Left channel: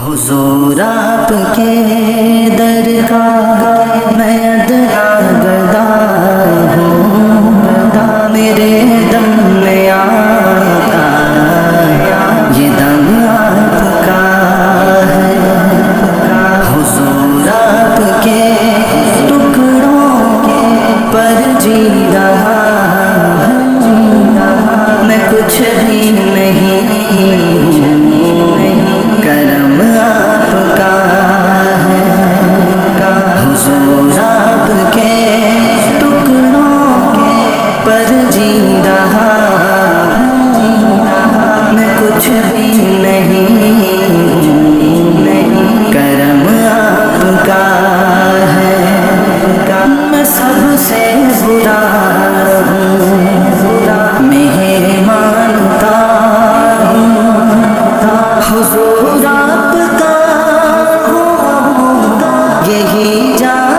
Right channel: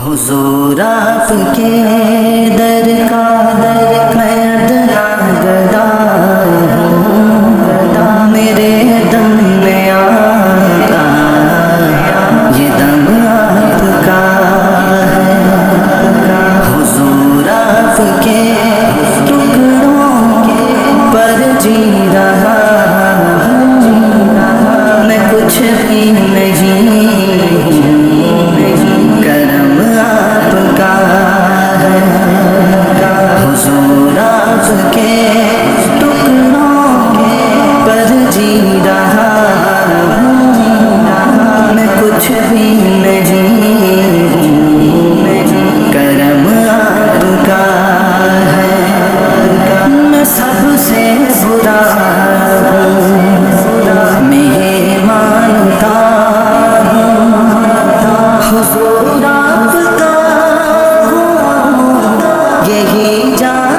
حضور آپ کے در کا میں گدا ہوں، میرے دم میں آقا یہ دم آپ کا ہے۔ حضور آپ کے ٹکڑوں پر جی رہا میں، کچھ بھی نہیں، کرم آپ کا ہے۔ حضور آپ کے ٹکڑوں پر جی رہا میں، کچھ بھی نہیں، کرم آپ کا ہے۔ میں سب سے برا میں مانتا ہوں، حضور آپ کا ہوں یہی جان